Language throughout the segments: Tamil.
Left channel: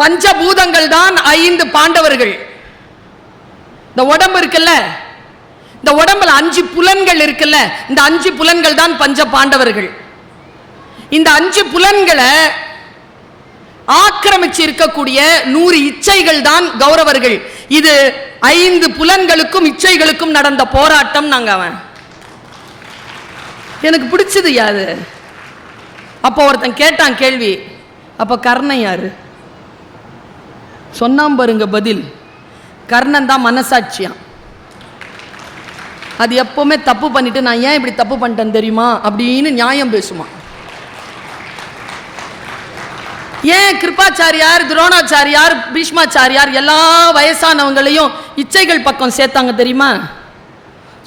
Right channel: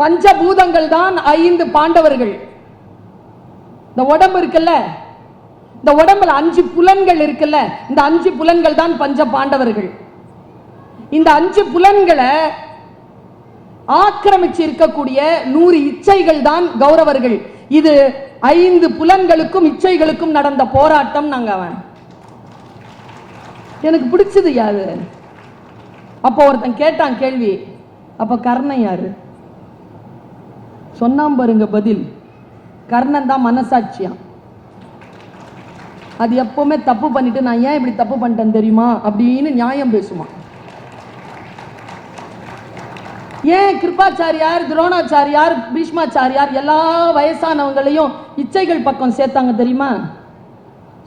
பஞ்சபூதங்கள் தான் ஐந்து பாண்டவர்கள். இந்த உடம்பு இருக்குல்ல? இந்த உடம்புல அஞ்சு புலன்கள் இருக்குல்ல? இந்த அஞ்சு புலன்கள் தான் பஞ்ச பாண்டவர்கள். இந்த அஞ்சு புலன்களை ஆக்கிரமிச்சு இருக்கக்கூடிய நூறு இச்சைகள் தான் கௌரவர்கள். இது ஐந்து புலன்களுக்கும் இச்சைகளுக்கும் நடந்த போராட்டம் நாங்க அவன். எனக்கு பிடிச்சது யாது அப்போ ஒருத்தன் கேட்டான் கேள்வி அப்ப கர்ணன் யாரு? சொன்னாம் பாருங்க பதில். கர்ணன் தான் மனசாட்சியாம் அது எப்பவுமே தப்பு பண்ணிட்டு நான் ஏன் இப்படி தப்பு பண்ணிட்டேன் தெரியுமா? அப்படின்னு நியாயம் பேசுமா? ஏன் கிருபாச்சாரியார் துரோணாச்சாரியார் பீஷ்மாச்சாரியார் எல்லா வயசானவங்களையும் இச்சைகள் பக்கம் சேர்த்தாங்க தெரியுமா?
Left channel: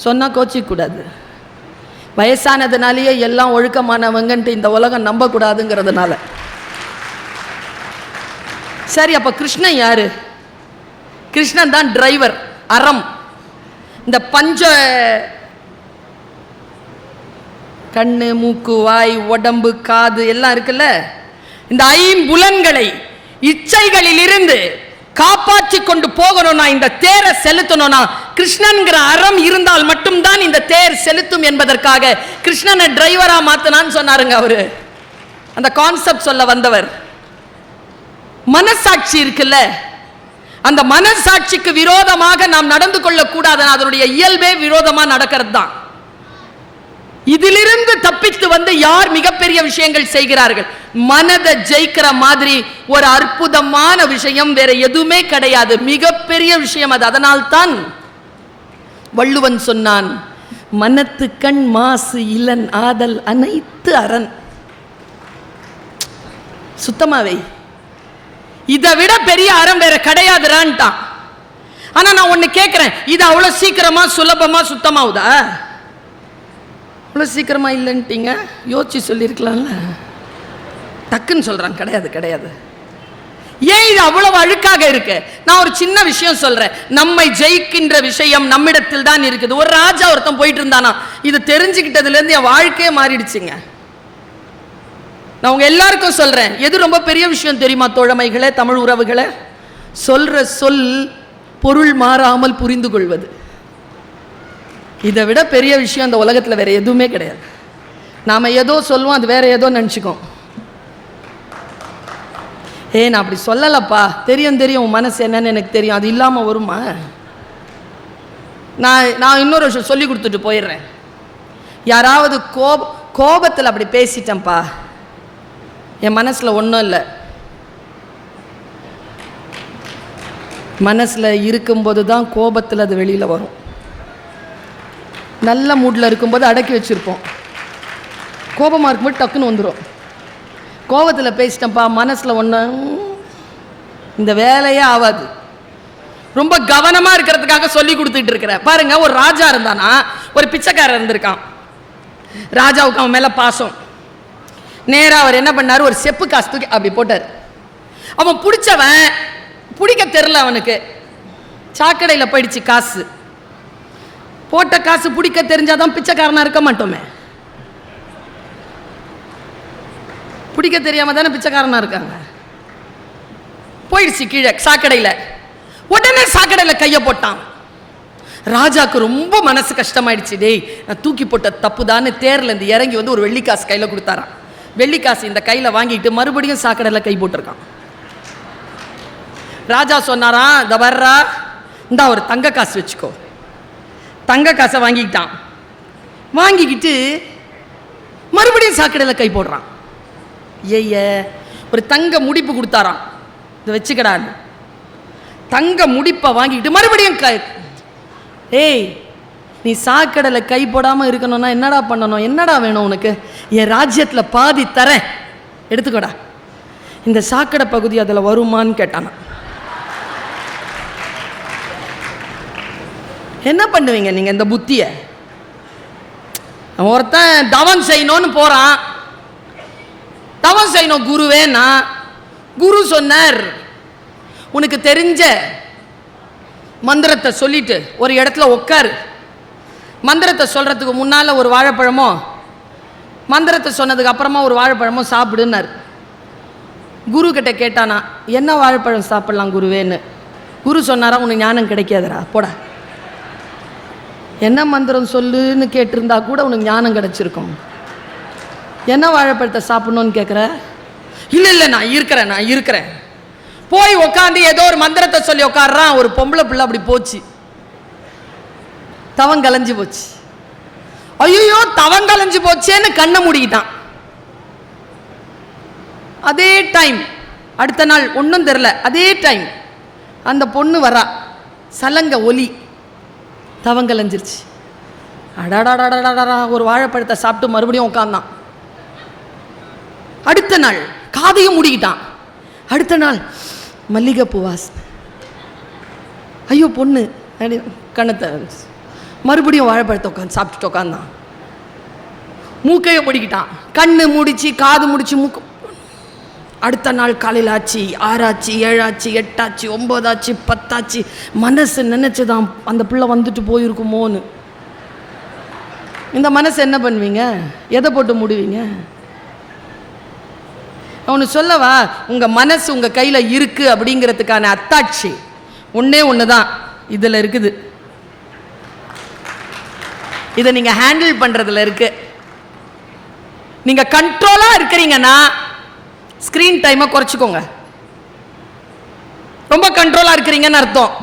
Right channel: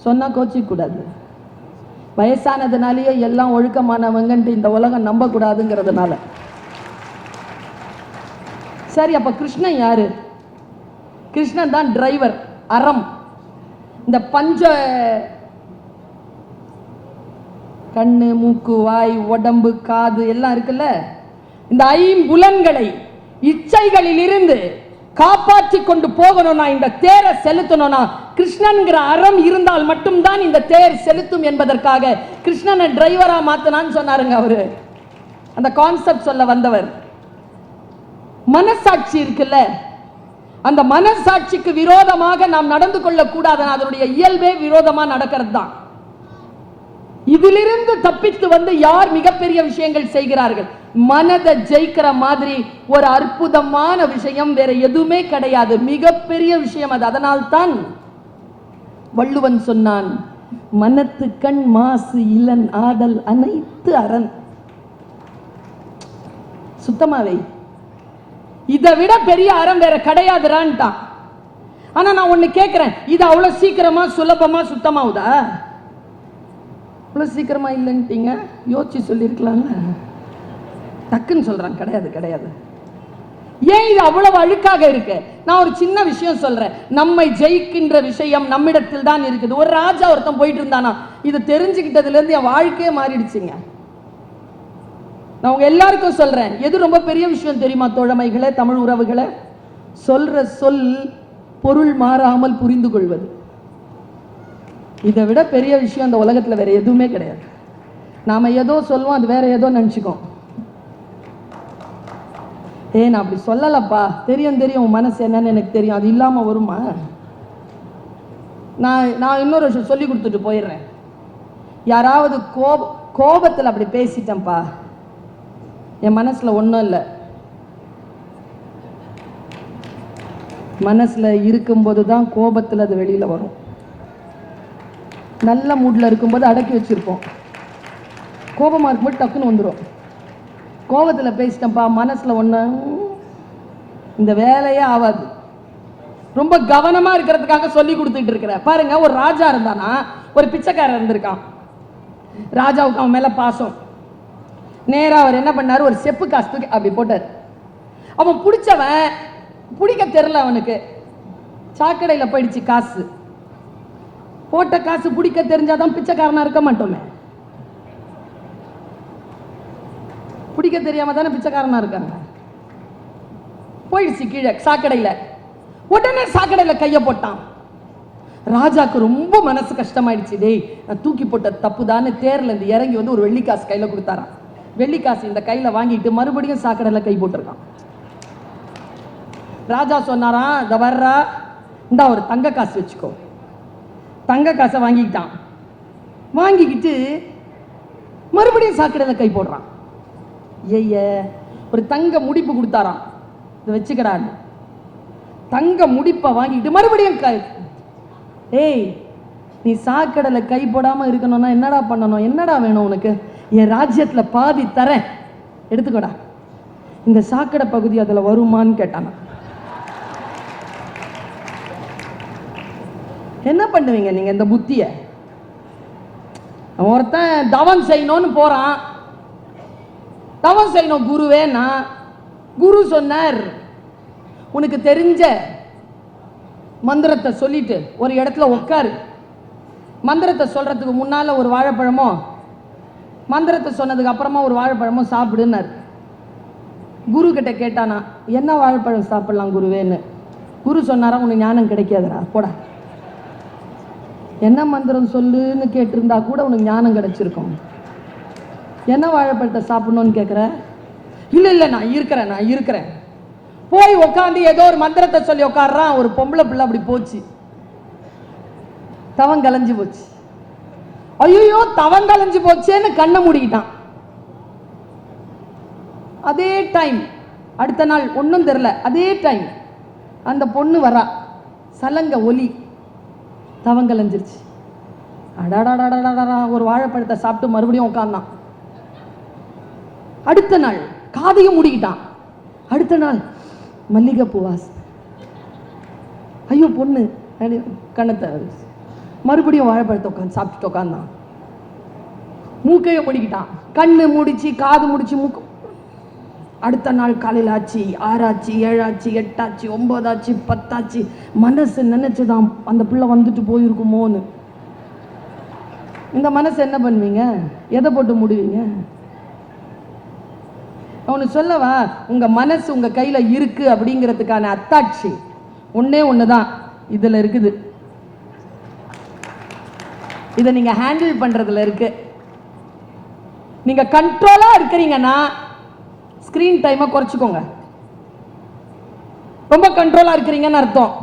சொன்னா கோச்சிக்க கூடாது வயசானதுனாலேயே எல்லாம் ஒழுக்கமானவங்கன்ட்டு இந்த உலகம் நம்பக்கூடாதுங்கிறதுனால. சரி அப்போ கிருஷ்ணன் யாரு? கிருஷ்ணன் தான் டிரைவர் அறம். இந்த பஞ்ச கண்ணு மூக்கு வாய் உடம்பு காது எல்லாம் இருக்குல்ல? இந்த ஐம்புலன்களை இச்சைகளில் இருந்து காப்பாற்றி கொண்டு போகணும்னா இந்த தேரை செலுத்தணும்னா கிருஷ்ணன்கிற அறம் இருந்தால் மட்டும்தான் இந்த தேர் செலுத்தும் என்பதற்காக கிருஷ்ணனை டிரைவரா மாத்தனான்னு சொன்னாருங்க அவரு. அந்த கான்செப்ட் சொல்ல வந்தவர். மனசாட்சி இருக்குல்ல? அந்த மனசாட்சிக்கு விரோதமாக நாம் நடந்து கொள்ளக்கூடாது அதனுடைய இயல்பே விரோதமா நடக்கிறது தான் இதிலிருந்து தப்பித்து வந்து யார் மிகப்பெரிய விஷயங்கள் செய்கிறார்கள்? மனதை ஜெயிக்கிற மாதிரி ஒரு அற்புதமான விஷயம் வேற எதுவுமே கிடையாது. மிகப்பெரிய விஷயம் அது. அதனால்தான் வள்ளுவன் சொன்னான் மனத்து கண் மாசு இளன் ஆதல் அனைத்து அரண். சுத்தமாவே இதை விட பெரிய அறம் வேற கிடையாதுறான்ட்டான் ஆனா நான் ஒண்ணு கேட்கிறேன் இது அவ்வளவு சீக்கிரமா சுலபமா சுத்தமாகுதா? அவ்வளவு சீக்கிரமா இல்லைன்ட்டீங்க? யோசிச்சு சொல்லியிருக்கலாம்ல. டக்குன்னு சொல்றான் கிடையாது கிடையாது. ஏன் இது அவ்வளவு அழுக்காக இருக்கு? நான் ஒரு சின்ன விஷயம் சொல்றேன். நம்மை ஜெயிக்கின்ற விஷயம் நம்மிடத்தில் தான் இருக்குது. ஒரு ராஜா ஒருத்தன் போயிட்டு இருந்தானா? இது தெரிஞ்சுக்கிட்டதுல இருந்து என் வாழ்க்கையே மாறிடுச்சுங்க. நான் உங்க எல்லாருக்கும் சொல்றேன். எது ரொம்ப பெரிய விஷயம் தெரியுமா தோழமைகளை தமிழ் உறவுகளை? சொல்ற சொல் பொருள் மாறாமல் புரிந்து கொள்வது இதை விட பெரிய விஷயம் இந்த உலகத்துல வேற எதுவுமே கிடையாது. நாம ஏதோ சொல்லுவோம் அது வேற ஏதோ நினச்சிக்கோம். ஏ நான் அப்படி சொல்லலப்பா. தெரியும் தெரியும். உன் மனசு என்னன்னு எனக்கு தெரியும். அது இல்லாம வருமா? நான் நான் இன்னொரு விஷயம் சொல்லி கொடுத்துட்டு போயிடுறேன். யாராவது கோப கோபத்தில் அப்படி பேசிட்டேன்ப்பா. என் மனசில் ஒன்றும் இல்லை. மனசில் இருக்கும்போது தான் கோபத்தில் அது வெளியில் வரும். நல்ல மூடில் இருக்கும்போது அடக்கி வச்சுருப்போம். கோபமாக இருக்கும்போது டக்குன்னு வந்துடும் கோபத்தில் பேசிட்டேன்ப்பா மனசில் ஒன்று இந்த வேலையே ஆகாது ரொம்ப கவனமாக இருக்கிறதுக்காக சொல்லி கொடுத்துட்டு இருக்கிறேன் பாருங்க ஒரு ராஜா இருந்தானா ஒரு பிச்சைக்காரர் இருந்திருக்கான். ராஜாவுக்கு அவன் மேலே பாசம். நேராக அவர் என்ன பண்ணார்? ஒரு செப்பு காசு தூக்கி அப்படி போட்டார். அவன் பிடிச்சவன் பிடிக்க தெரில அவனுக்கு. சாக்கடையில் போயிடுச்சு காசு. போட்ட காசு பிடிக்க தெரிஞ்சாதான் பிச்சைக்காரனா இருக்க மாட்டோமே. பிடிக்க தெரியாம தானே பிச்சைக்காரனா இருக்காங்க. போயிடுச்சு கீழே சாக்கடையில். உடனே சாக்கடையில் கையை போட்டான். ராஜாக்கு ரொம்ப மனசு கஷ்டமாயிடுச்சு. டேய் நான் தூக்கி போட்ட தப்பு தானே தேர்ல இருந்து இறங்கி வந்து ஒரு வெள்ளிக்காசு கையில் கொடுத்தாரான் வெள்ளிக்காசு இந்த கையில் வாங்கிட்டு மறுபடியும் சாக்கடையில் கை போட்டிருக்கான். ராஜா சொன்னாராம் இந்த வர்றா இந்தா ஒரு தங்க காசு வச்சுக்கோ. தங்க காசை வாங்கிக்கிட்டான். வாங்கிக்கிட்டு மறுபடியும் சாக்கடையில் கை போடுறான். ஏய ஒரு தங்க முடிப்பு கொடுத்தாராம். இதை வச்சுக்கடான்னு தங்க முடிப்பை வாங்கிக்கிட்டு மறுபடியும் கை ஏய் நீ சாக்கடையில் கை போடாமல் இருக்கணும்னா என்னடா பண்ணணும்? என்னடா வேணும் உனக்கு? என் ராஜ்யத்தில் பாதி தரேன். எடுத்துக்கோடா. இந்த சாக்கடை பகுதி அதில் வருமான்னு கேட்டானா. என்ன பண்ணுவீங்க நீங்கள் இந்த புத்தியை? ஒருத்தன் தவம் செய்யணும்னு போகிறான் தவம் செய்யணும் குருவேனா? குரு சொன்னார். உனக்கு தெரிஞ்ச மந்திரத்தை சொல்லிட்டு ஒரு இடத்துல உட்காரு மந்திரத்தை சொல்கிறதுக்கு முன்னால் ஒரு வாழைப்பழமோ? மந்திரத்தை சொன்னதுக்கு அப்புறமா ஒரு வாழைப்பழமும் சாப்பிடுன்னாரு. குரு கிட்ட கேட்டானா என்ன வாழைப்பழம் சாப்பிடலாம் குருவேன்னு? குரு சொன்னாரா உனக்கு ஞானம் கிடைக்காதுடா போடா. என்ன மந்திரம் சொல்லுன்னு கேட்டிருந்தா கூட உனக்கு ஞானம் கிடைச்சிருக்கும். என்ன வாழைப்பழத்தை சாப்பிடணும்னு கேட்குற இல்லை இல்லை நான் இருக்கிறேன் நான் இருக்கிறேன். போய் உட்காந்து ஏதோ ஒரு மந்திரத்தை சொல்லி உட்காடுறான் ஒரு பொம்பளை பிள்ளை அப்படி போச்சு. தவம் கலைஞ்சு போச்சு. ஐயோ தவம் கலைஞ்சு போச்சேன்னு கண்ணை மூடிக்கிட்டான். அதே டைம் அடுத்த நாள் ஒன்றும் தெரில அதே டைம் அந்த பொண்ணு வரா. சலங்க ஒலி. தவங்கலைஞ்சிருச்சு அடாடாடாடாடா ஒரு வாழைப்பழத்தை சாப்பிட்டு மறுபடியும் உட்காந்தான் அடுத்த நாள் காதையும் மூடிக்கிட்டான். அடுத்த நாள் மல்லிகைப்பூ வாசனை. ஐயோ பொண்ணு கணத்தை கண்ணத்தை மறுபடியும் வாழைப்பழத்தை உட்காந்து சாப்பிட்டுட்டு உட்காந்தான் மூக்கையை மூடிக்கிட்டான். கண்ணு முடிச்சு காது முடிச்சு மூக்கு. அடுத்த நாள் காலையில் ஆச்சு ஆறாச்சு ஏழாச்சு எட்டாச்சு ஒம்போதாச்சு பத்தாச்சு. மனசு நினைச்சுதான் அந்த பிள்ளை வந்துட்டு போயிருக்குமோன்னு. இந்த மனசு என்ன பண்ணுவீங்க? எதை போட்டு முடிவீங்க? ஒன்று சொல்லவா? உங்கள் மனசு உங்கள் கையில் இருக்குது அப்படிங்கிறதுக்கான அத்தாட்சி. ஒன்றே ஒன்று தான் இதில் இருக்குது. இதை நீங்கள் ஹேண்டில் பண்ணுறதுல இருக்கு. நீங்கள் கண்ட்ரோலாக இருக்கிறீங்கன்னா ஸ்க்ரீன் டைமை குறைச்சிக்கோங்க. ரொம்ப கண்ட்ரோலாக இருக்கிறீங்கன்னு அர்த்தம்.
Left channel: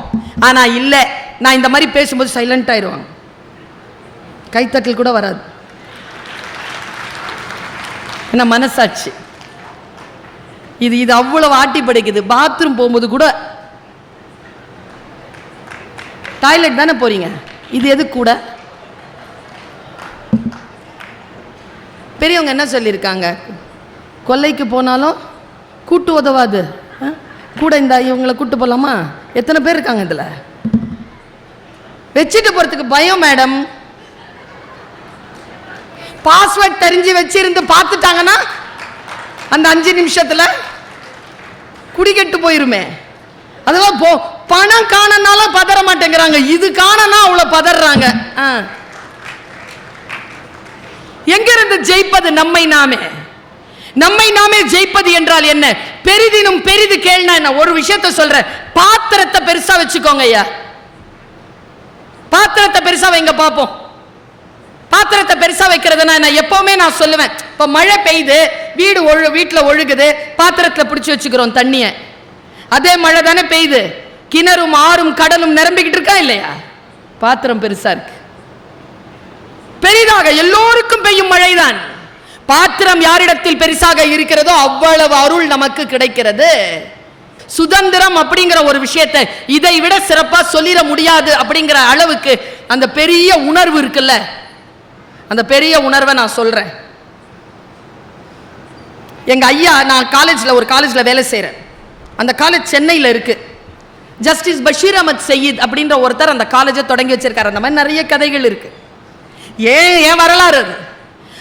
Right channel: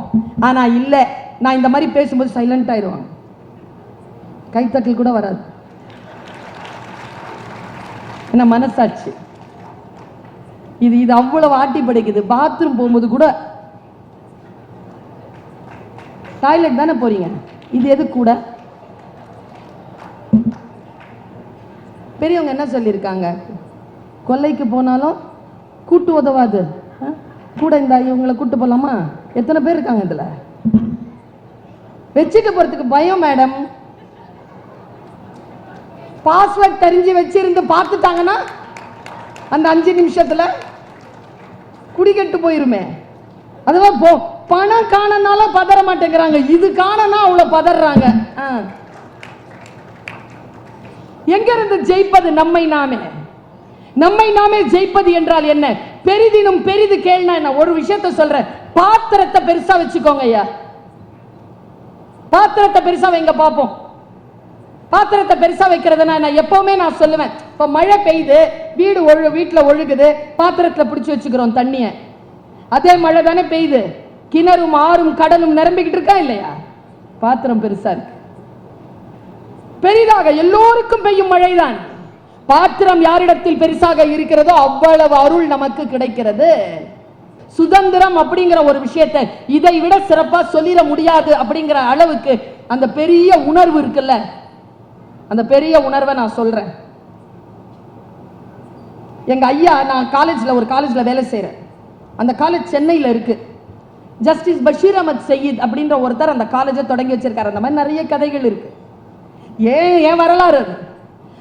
ஆனால் இல்லை நான் இந்த மாதிரி பேசும்போது சைலண்ட் ஆயிடுவாங்க கைத்தட்டல் கூட வராது. என்ன மனசாட்சி. இது இது அவ்வளவு ஆட்டி படைக்குது. பாத்ரூம் போகும்போது கூட டாய்லெட் தானே போறீங்க. இது எது கூட? பெரியவங்க என்ன சொல்லியிருக்காங்க? கொல்லைக்கு போனாலும் கூட்டு உதவாது. கூட இந்த இவங்களை கூட்டு போகலாமா எத்தனை பேர் இருக்காங்க இதில்? வச்சுட்டு போகிறதுக்கு பயம் மேடம். பாஸ்வேர்ட் தெரிஞ்சு வச்சிருந்து பார்த்துட்டாங்கன்னா அந்த அஞ்சு நிமிஷத்தில் குடிக்கெட்டு போயிருமே. அதெல்லாம் போ பணம் காணனால பதற மாட்டேங்கிறாங்க. இது காணனா அவ்வளோ பதறாங்க. ஆ. எங்கிருந்து ஜெயிப்பது நம்மை நாமே? நம்மை நாமே ஜெயிப்பது என்றால் என்ன? பெரிதினும் பெரிது கேள்னா என்ன? ஒரு விஷயத்த சொல்றேன். பாத்திரத்தை பெருசா வச்சுக்கோங்க ஐயா. பாத்திரத்தை பெருசா வைங்க பார்ப்போம் பாத்திரத்தை பெருசா வைக்கிறதுனா நான் எப்பவுமே நான் சொல்லுவேன் இப்ப மழை பெய்யுது வீடு ஒழு வீட்டுல ஒழுகுது பாத்திரத்துல பிடிச்சி வச்சுக்கிறோம் தண்ணிய. அதே மழை தானே பெய்யுது. கிணறும் ஆறும் கடலும் நிரம்பிக்கிட்டு இருக்கா இல்லையா? பாத்திரம் பெருசா இருக்கு. பெரிதாக எல்லோருக்கும் பெய்யும் மழைதான். பாத்திரம் யாரிடத்தில் பெருசாக இருக்கிறதோ அவ்வளவு அருள் நமக்கு கிடைக்கிறது. சுதந்திரம் அப்படிங்கிற ஒரு விஷயத்தை இதை விட சிறப்பா சொல்லிட முடியாது அப்படிங்கிற அளவுக்கு அந்த பெரிய உணர்வு இருக்குல்ல? அந்த பெரிய உணர்வை நான் சொல்றேன். எங்க ஐயா நான் காலேஜில் ஒரு காலேஜில் வேலை செய்கிறேன் அந்த காலேஜ் சென்னையில் இருக்கு. ஜஸ்டிஸ் பஷீர் அஹமத் சயீத் அப்படின்ற ஒருத்தர் அந்த காலேஜை தொடங்கி வச்சிருக்காரு. அந்த மாதிரி நிறைய கதைகள் இருக்குது ஏன் ஏன் வரலாறு அது?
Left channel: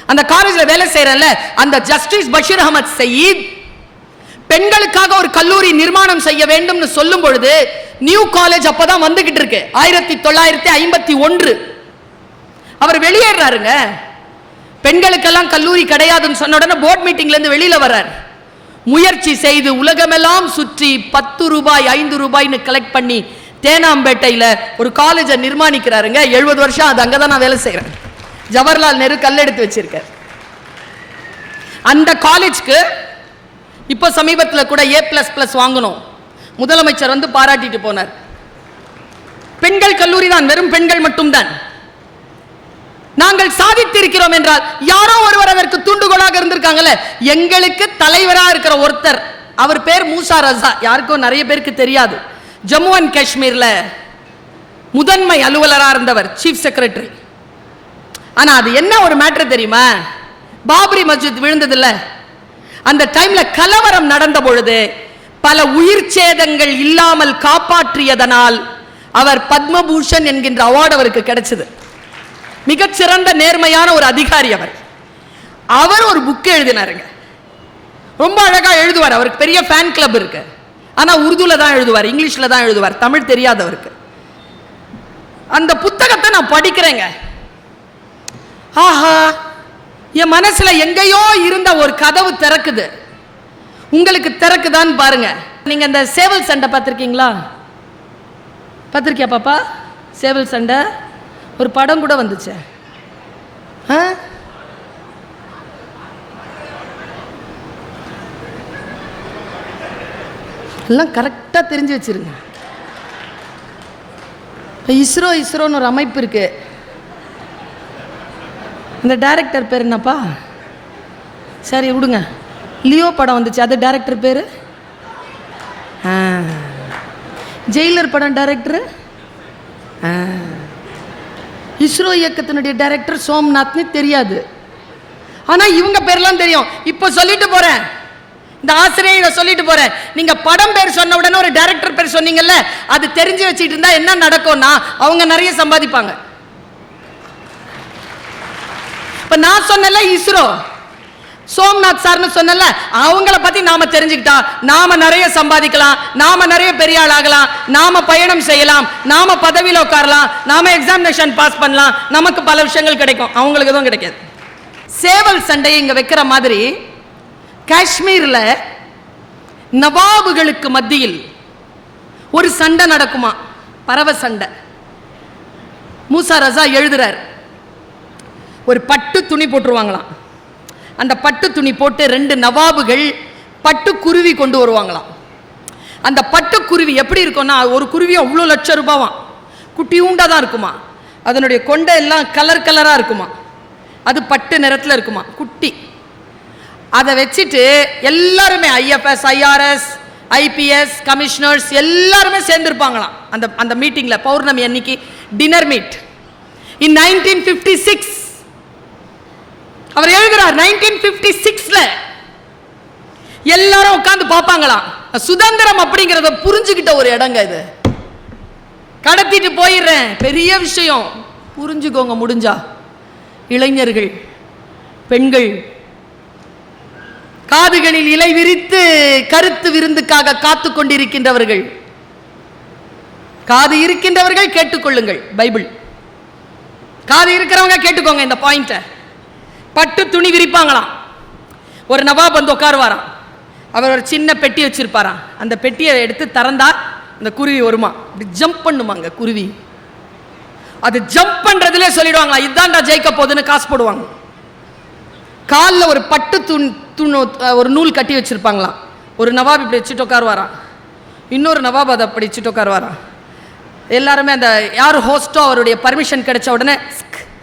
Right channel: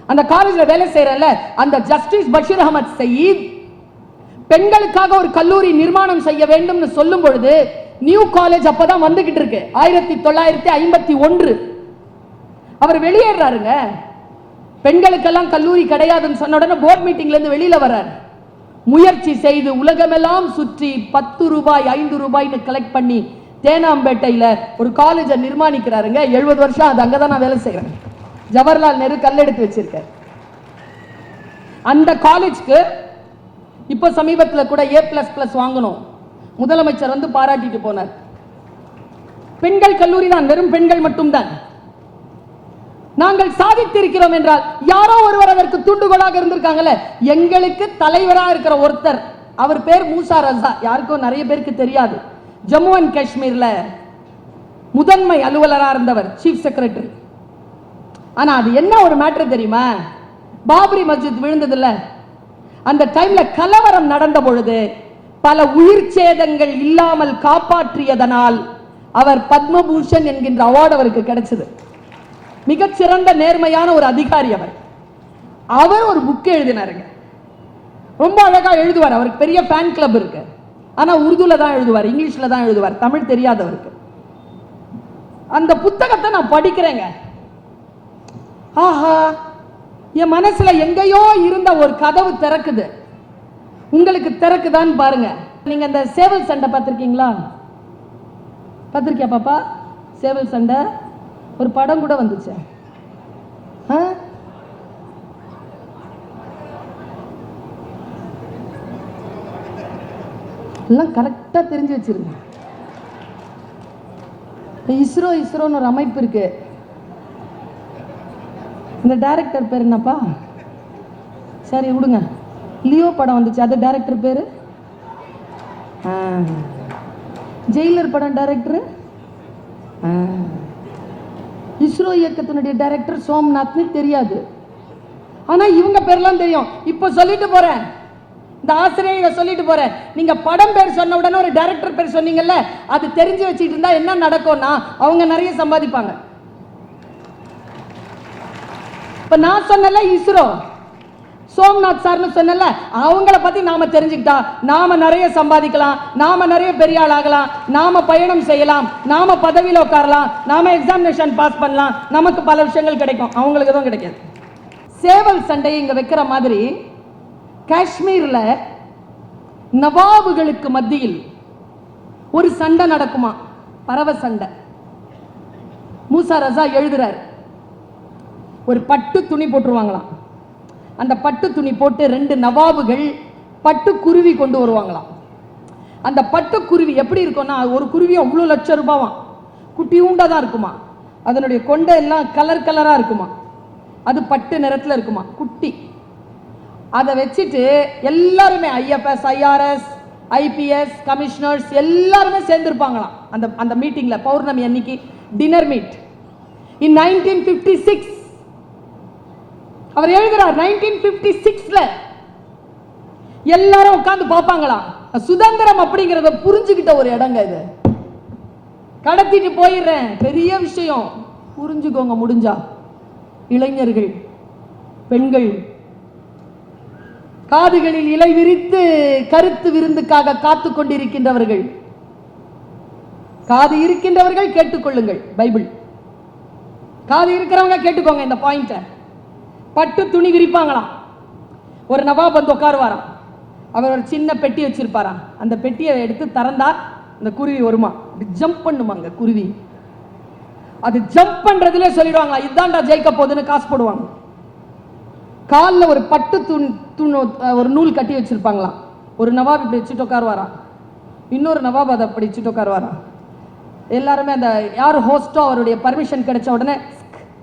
அந்த காலேஜில் வேலை செய்கிறல்ல அந்த ஜஸ்டிஸ் பஷீர் அஹமத் சயீத் பெண்களுக்காக ஒரு கல்லூரி நிர்மாணம் செய்ய வேண்டும்னு சொல்லும் பொழுது நியூ காலேஜ் அப்பதான் வந்துகிட்டு இருக்கு. ஆயிரத்தி தொள்ளாயிரத்தி ஐம்பத்தி ஒன்று. அவர் வெளியேறாருங்க. பெண்களுக்கெல்லாம் கல்லூரி கிடையாதுன்னு சொன்ன உடனே போர்ட் மீட்டிங்ல இருந்து வெளியில வர்றார். முயற்சி செய்து உலகமெல்லாம் சுற்றி பத்து ரூபாய் ஐந்து ரூபாய்னு கலெக்ட் பண்ணி தேனாம்பேட்டையில் ஒரு காலேஜை நிர்மாணிக்கிறாருங்க. எழுபது வருஷம் அது அங்கே தான் நான் வேலை செய்கிறேன் ஜவஹர்லால் நேரு கல்லெடுத்து வச்சிருக்கார். அந்த காலேஜ்க்கு இப்போ சமீபத்தில் கூட ஏ பிளஸ் பிளஸ் வாங்கணும். முதலமைச்சர் வந்து பாராட்டிட்டு போனார். பெண்கள் கல்லூரி தான் வெறும் பெண்கள் மட்டும்தான். நாங்கள் சாதித்திருக்கிறோம் என்றால் யாரோ ஒருவர் அதற்கு தூண்டுகோலாக இருந்திருக்காங்கல்ல? எங்களுக்கு தலைவரா இருக்கிற ஒருத்தர். அவர் பேர் மூசா ரசா. யாருக்கும் நிறைய பேருக்கு தெரியாது. ஜம்மு அண்ட் காஷ்மீர்ல முதன்மை அலுவலரா இருந்தவர் சீஃப் செக்ரட்டரி ஆனால் அது என்ன ஒரு மேட்ரு தெரியுமா? பாபரி மஸ்ஜித் விழுந்ததில்ல அந்த டைம்ல கலவரம் நடந்த பொழுது பல உயிர் சேதங்கள் இல்லாமல் காப்பாற்றியதனால் அவர் பத்மபூஷன் என்கின்ற அவார்டு அவருக்கு கிடைச்சது. மிகச்சிறந்த நேர்மையான ஒரு அதிகாரி அவர். அவர் ஒரு புக் எழுதினாருங்க. ரொம்ப அழகா எழுதுவார். அவருக்கு பெரிய ஃபேன் கிளப் இருக்கு. ஆனா உருதுல தான் எழுதுவார் இங்கிலீஷ்ல தான் எழுதுவார். தமிழ் தெரியாதவருக்கு. அந்த புத்தகத்தை நான் படிக்கிறேங்க. ஆஹா என் மனசுல எங்கேயோ இருந்த ஒரு கதவு திறக்குது. உங்களுக்கு திறக்குதான்னு பாருங்க. நீங்க அந்த சேவல் சண்டை பார்த்துருக்கீங்களா? பார்த்துருக்கியா பாப்பா? சேவல் சண்டை. ஒரு படம் கூட வந்துச்சு. ஆ? எல்லாம் கரெக்டாக தெரிஞ்சு வச்சிருங்க. இப்போ இஸ்ரோ இஸ்ரோன்னு ஒரு அமைப்பு இருக்குது இந்த டைரக்டர் பேர் என்னப்பா? சரி விடுங்க. லியோ படம் வந்துச்சு. அது டைரக்டர் பேர்? ஜெயிலர் படம் டைரக்டர் இஸ்ரோ இயக்கத்தினுடைய டைரக்டர் சோம்நாத்னு தெரியாது. ஆனால் இவங்க பேர்லாம் தெரியும். இப்போ சொல்லிட்டு போகிறேன் இந்த ஆசிரியரை சொல்லிட்டு போகிறேன் நீங்கள் படம் பேர் சொன்ன உடனே ஒரு டைரக்டர் பேர் சொன்னீங்கல்ல அது தெரிஞ்சு வச்சுட்டு இருந்தால் என்ன நடக்கும்னா அவங்க நிறைய சம்பாதிப்பாங்க. நான் சொன்னல இஸ்ரோ. சோம்நாத் சார்னு சொன்னல அவங்கள பத்தி நாம தெரிஞ்சுக்கிட்டா நாம நிறைய சம்பாதிக்கலாம் நாம நிறைய பெரிய ஆள் ஆகலாம் நாம பயணம் செய்யலாம் நாம பதவியில உட்காரலாம் நாம எக்ஸாமினேஷன் பாஸ் பண்ணலாம் நமக்கு பல விஷயங்கள் கிடைக்கும். அவங்களுக்கு எதுவும் கிடைக்காது. சேவல் சண்டையை இங்க வைக்கிற மாதிரி காஷ்மீர்ல நவாபுகளுக்கு மத்தியில் ஒரு சண்டை நடக்குமா? பறவை சண்டை. மூசா ரசா எழுதுறார். ஒரு பட்டு துணி போட்டுருவாங்களாம். அந்த பட்டு துணி போட்டு ரெண்டு நவாபுகள் பட்டு குருவி கொண்டு வருவாங்களாம். அந்த பட்டு குருவி எப்படி இருக்கும்னா ஒரு குருவி அவ்வளோ லட்சம் ரூபாவாம். குட்டி உண்டாக தான் இருக்குமா. அதனுடைய கொண்டை எல்லாம் கலர் கலராக இருக்குமா. அது பட்டு நிறத்தில் இருக்குமா. குட்டி. அதை வச்சுட்டு எல்லாருமே ஐஎஃப்எஸ் ஐஆர்எஸ் ஐபிஎஸ் கமிஷனர்ஸ் எல்லாருமே சேர்ந்துருப்பாங்களாம். அந்த அந்த மீட்டிங்கில் பௌர்ணமி அன்னைக்கு dinner meet in nineteen fifty six அவர் எழுதுறார் நைன்டீன் ஃபிஃப்டி சிக்ஸ்ல எல்லாரும் உட்காந்து பார்ப்பாங்களாம். சுதந்திரம் அப்படிங்கிறத புரிஞ்சுக்கிட்ட ஒரு இடங்க இது. கடத்திட்டு போயிடுறேன். பெரிய விஷயம். புரிஞ்சுக்கோங்க முடிஞ்சா. இளைஞர்கள் பெண்கள் காதுகளில் இலை விரித்து கருத்து விருந்துக்காக காத்து கொண்டிருக்கின்றவர்கள். காது இருக்கின்றவர்கள் கேட்டுக்கொள்ளுங்கள் பைபிள். காது இருக்கிறவங்க கேட்டுக்கோங்க இந்த பாயிண்ட்டை. பட்டு துணி விரிப்பாங்களாம். ஒரு நவாப் வந்து உட்காருவாராம். அவர் ஒரு சின்ன பெட்டி வச்சிருப்பாராம். அந்த பெட்டியை எடுத்து திறந்தா அந்த குருவி வருமா? அப்படி ஜம்ப் பண்ணுமாங்க குருவி? அது ஜம்ப் பண்றதுல சொல்லிடுவாங்களா இதுதான்டா ஜெயிக்க போகுதுன்னு காசு போடுவாங்க. காலில் ஒரு பட்டு துண் துணு ஒரு நூல் கட்டி வச்சிருப்பாங்களாம். ஒரு நவாப் இப்படி வச்சுட்டு உட்காருவாராம். இன்னொரு நவாப் அதை அப்படி வச்சுட்டு உட்காருவாராம். எல்லாருமே அந்த யார் ஹோஸ்டோ அவருடைய பர்மிஷன் கிடைச்ச உடனே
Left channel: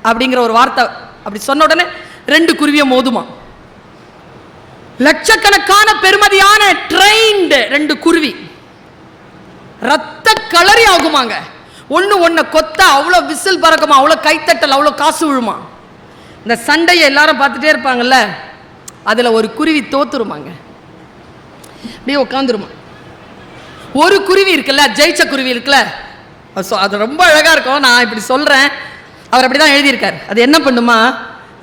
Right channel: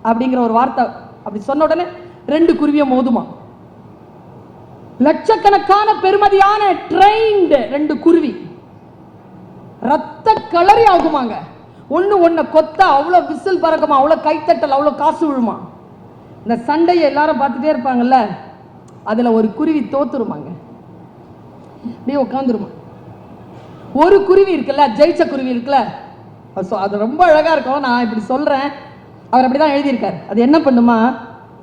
அப்படிங்கிற ஒரு வார்த்தை அப்படி சொன்ன உடனே ரெண்டு குருவியை மோதுமா? லட்சக்கணக்கான பெருமதியான ட்ரெயின்டு ரெண்டு குருவி. ரத்த களரி ஆகுமாங்க. ஒன்று ஒன்றை கொத்த அவ்வளோ விசில் பறக்குமா? அவ்வளோ கைத்தட்டல் அவ்வளோ காசு விழுமா? இந்த சண்டையை எல்லாரும் பார்த்துட்டே இருப்பாங்கல்ல அதில் ஒரு குருவி தோத்துருமாங்க. அப்படியே உட்காந்துருமா ஒரு குருவி இருக்குல்ல ஜெயிச்ச குருவி இருக்குல்ல. அது அது ரொம்ப அழகாக இருக்கும். நான் இப்படி சொல்கிறேன் அவர் அப்படி தான் எழுதியிருக்கார். அது என்ன பண்ணுமா?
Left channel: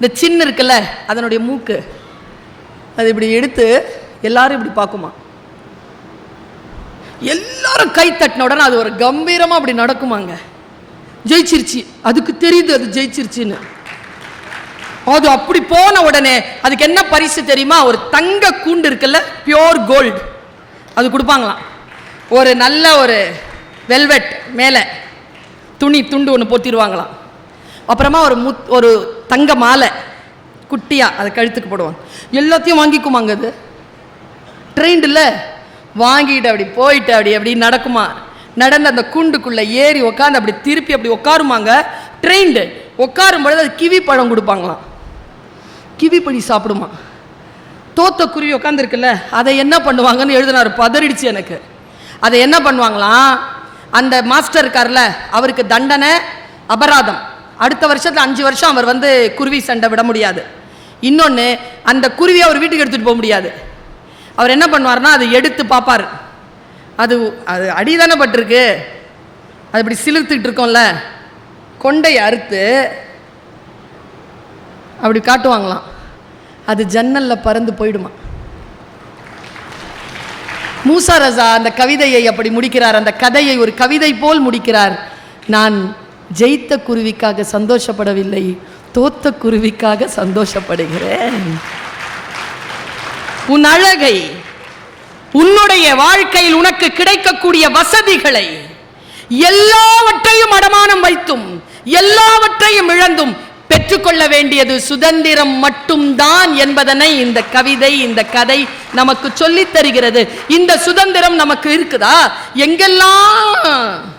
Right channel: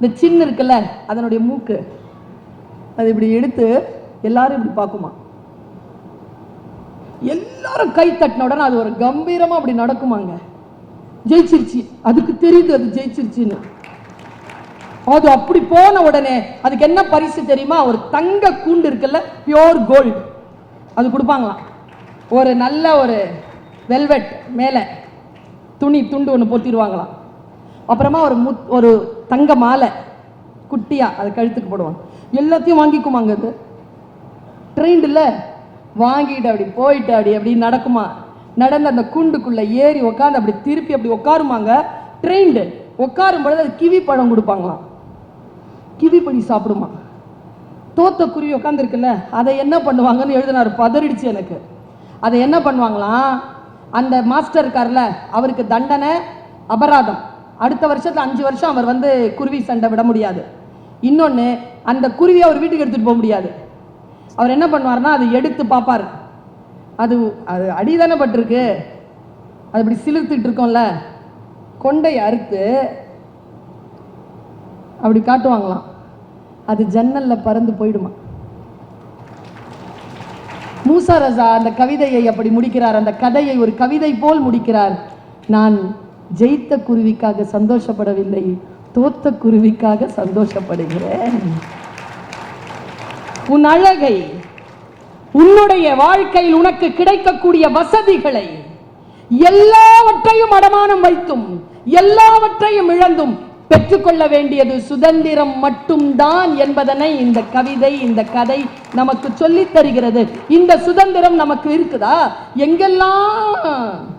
இந்த சின்ன இருக்குல்ல அதனுடைய மூக்கு. அது இப்படி எடுத்து எல்லாரும் இப்படி பார்க்குமா? எல்லாரும் கை தட்டின உடனே அது ஒரு கம்பீரமாக அப்படி நடக்குமாங்க. ஜெயிச்சிருச்சு. அதுக்கு தெரியுது அது ஜெயிச்சிருச்சுன்னு. அது அப்படி போன உடனே அதுக்கு என்ன பரிசு தெரியுமா? ஒரு தங்க கூண்டு இருக்குல்ல பியோர் கோல்டு அது கொடுப்பாங்களாம். ஒரு நல்ல ஒரு வெல்வெட் மேலே துணி துண்டு ஒன்று போத்திடுவாங்களாம். அப்புறமா ஒரு முத் ஒரு தங்க மாலை குட்டியாக அதை கழுத்துக்கு போடுவாங்க எல்லாத்தையும் வாங்கிக்குமாங்க அது? ட்ரெயின்டில் வாங்கிட்டு அப்படி போயிட்டு அப்படி அப்படி நடக்குமா? நடந்து அந்த குண்டுக்குள்ளே ஏறி உட்காந்து அப்படி திருப்பி அப்படி உட்காருமாங்க ட்ரெயின்டு உட்காரும் பொழுது அது கிவி பழம் கொடுப்பாங்களாம். கிவி பழி சாப்பிடுமா? தோத்த குருவி உட்காந்துருக்குல்ல அதை என்ன பண்ணுவாங்கன்னு எழுதினார் பதறிடுச்சு எனக்கு. அதை என்ன பண்ணுவாங்களாம்? அந்த மாஸ்டர் இருக்கார்ல அவருக்கு தண்டனை அபராதம். அடுத்த வருஷத்தில் அஞ்சு வருஷம் அவர் வந்து குருவி சண்டை விட முடியாது. இன்னொன்று அந்த குருவியை அவர் வீட்டுக்கு எடுத்துகிட்டு போக முடியாது. அவர் என்ன பண்ணுவார்னா அதை எடுத்து பார்ப்பார். அது அது அடிதானே பட்டிருக்கு. அது இப்படி சிலிர்த்துக்கிட்டு இருக்கோம்ல. கொண்டையை அறுத்து அப்படி காட்டுவாங்களாம். அது ஜன்னலில் பறந்து போயிடுமா. மூசா ரசா அந்த கவிதையை அப்படி முடிக்கிறார். அந்த கதையை ஒரு கவிதை போல் முடிக்கிறார். நான் ஜெயித்த குருவிக்காக சந்தோஷப்படவில்லை தோத்த குருவிக்காக சந்தோஷப்படுகிறேன். உன் அழகை உன்னுடைய வாழ்க்கையில் உனக்கு கிடைக்கக்கூடிய வசதிகளை எல்லாவற்றையும் அடமானம் வைத்தும் எல்லாவற்றையும் இழந்தும் பெற்றுக்கொள்ள வேண்டியது சுதந்திரம் மட்டும்தான் என்பதனை இந்த கவிதை இந்த கதை நமக்கு சொல்லித் தருகிறது. இந்த சுதந்திரம் நமக்கு இருக்குதா? எங்கெல்லாம்